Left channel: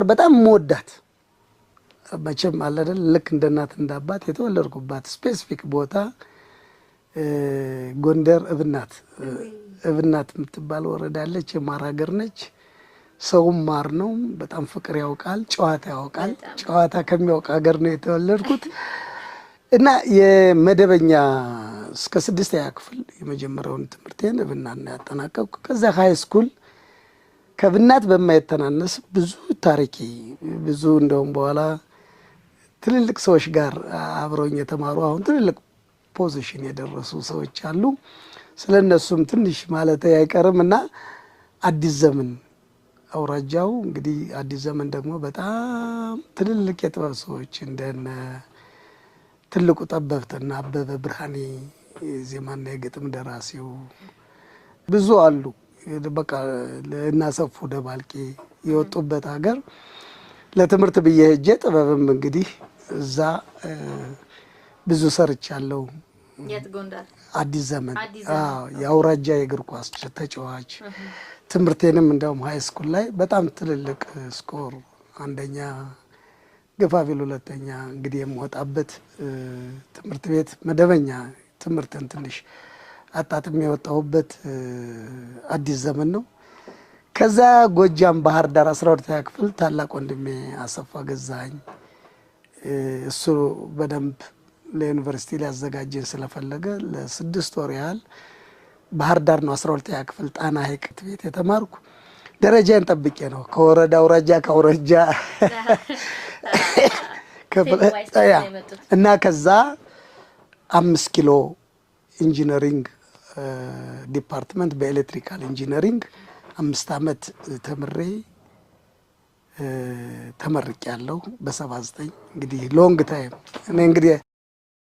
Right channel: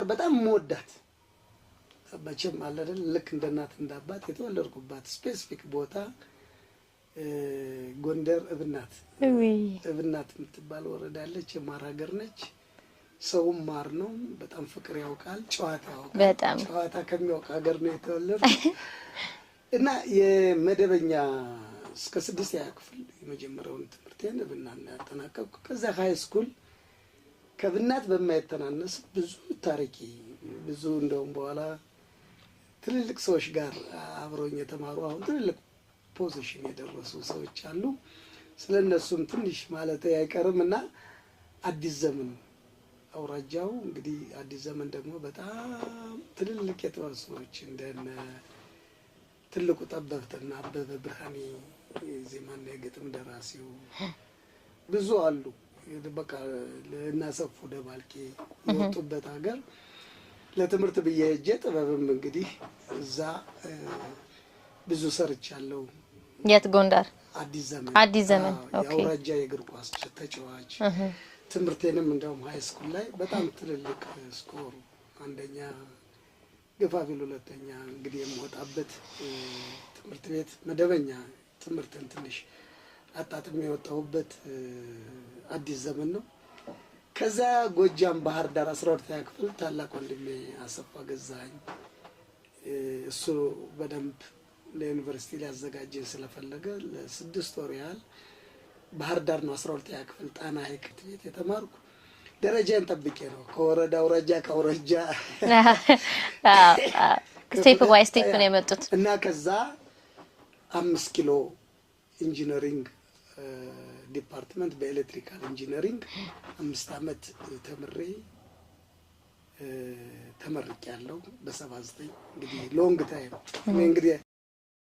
በጣም መወዳት መቼም አለ አይደል ልክ እንደ እናት እንደ አባት የተወለድኩባት ስፔሲፊክ ቦታ ጎንደር እብናት የምትባል ወረዳ አለች። የማር ሀገር ነች። ሰውም ማር ነው። በጣም ፍቅር ያውቃል፣ ጨዋታ ያውቃል። ጨዋታ ከሚያውቅ ሀገር ነው የተወለድኩት እና የመደበኛ እስከ 6ኛ ክፍል የመጀመሪያውን ትምህርቴን እብናት ነው ያጠናቀቅኩ። ከዛ ሃይ ስኩል ከእብናት በማይተናነስ ብዙ ታሪክ ብዙ እንደውም በኋላ ትልልቅ ሰዎች ጋር አብረውኝ የተማሩ አሁን ትልልቅ ፖዚሽን የደረሱ ሰዎች አሉ። ስለነሱም ትንሽ ማለት አይቀርም እና አዲስ ዘመን አውራጃው እንግዲህ አዲስ ዘመን ደግሞ በጣም ትልልቅ የጥበብ ሰዎች እንደነ ትልቁ ጠበብትና አበበ ብርሃኔ ዜማና የግጥም ደራሲው ብዙ አሉ። በቃ ለናሰፉ ደባልቄ የወጡበት ሀገር ለትምህርት ብዬ ሄጄ ጥበብም እንግዲህ እዛ ብዙ ሰርቻለሁ። የት? ጎንደር አዲስ ዘመን የአውራጃ የእግር ኳስ ተጫዋች። ትምህርቴንም እንደውም ሃይ ስኩል ላይ በጣም ትልልቅ ስኮር አንደኛ ገፋቢል ሁለተኛ እንግዲህ የምወጣበት ትምህርት ቤት መደበኛ ትምህርትን ትንሽ አጣጥም የወጣሁበት አዲስ ዘመን ነው። ከዛ ጎጃም ባህር ዳር 12ኛ ክፍል ታላቅ ወንድሜ አሰፋ ገዛኝ እሱ በደንብ ለዩኒቨርሲቲ ሊያዘጋጀኝ ስለፈለገ ለ6 ወር ያህል ባህር ዳር ነው 12ኛ ክፍል ጣና ሐይቅ ቤት የተማርኩ። ደረጃን ጠብቄ ነው ከወረዳ አውራጃ ከአውራጃ ስቴፕ ባይ ስቴፕ ነው የመጡት እና ከዛ 5 ኪሎ ኢንጂነሪንግ ዲፓርትመንት በኤሌክትሪካል ኢንጂነሪንግ 5 ዓመት ተመርቄያለሁ በ79 እንግዲህ ሎንግ ታይም እኔ እንግዲህ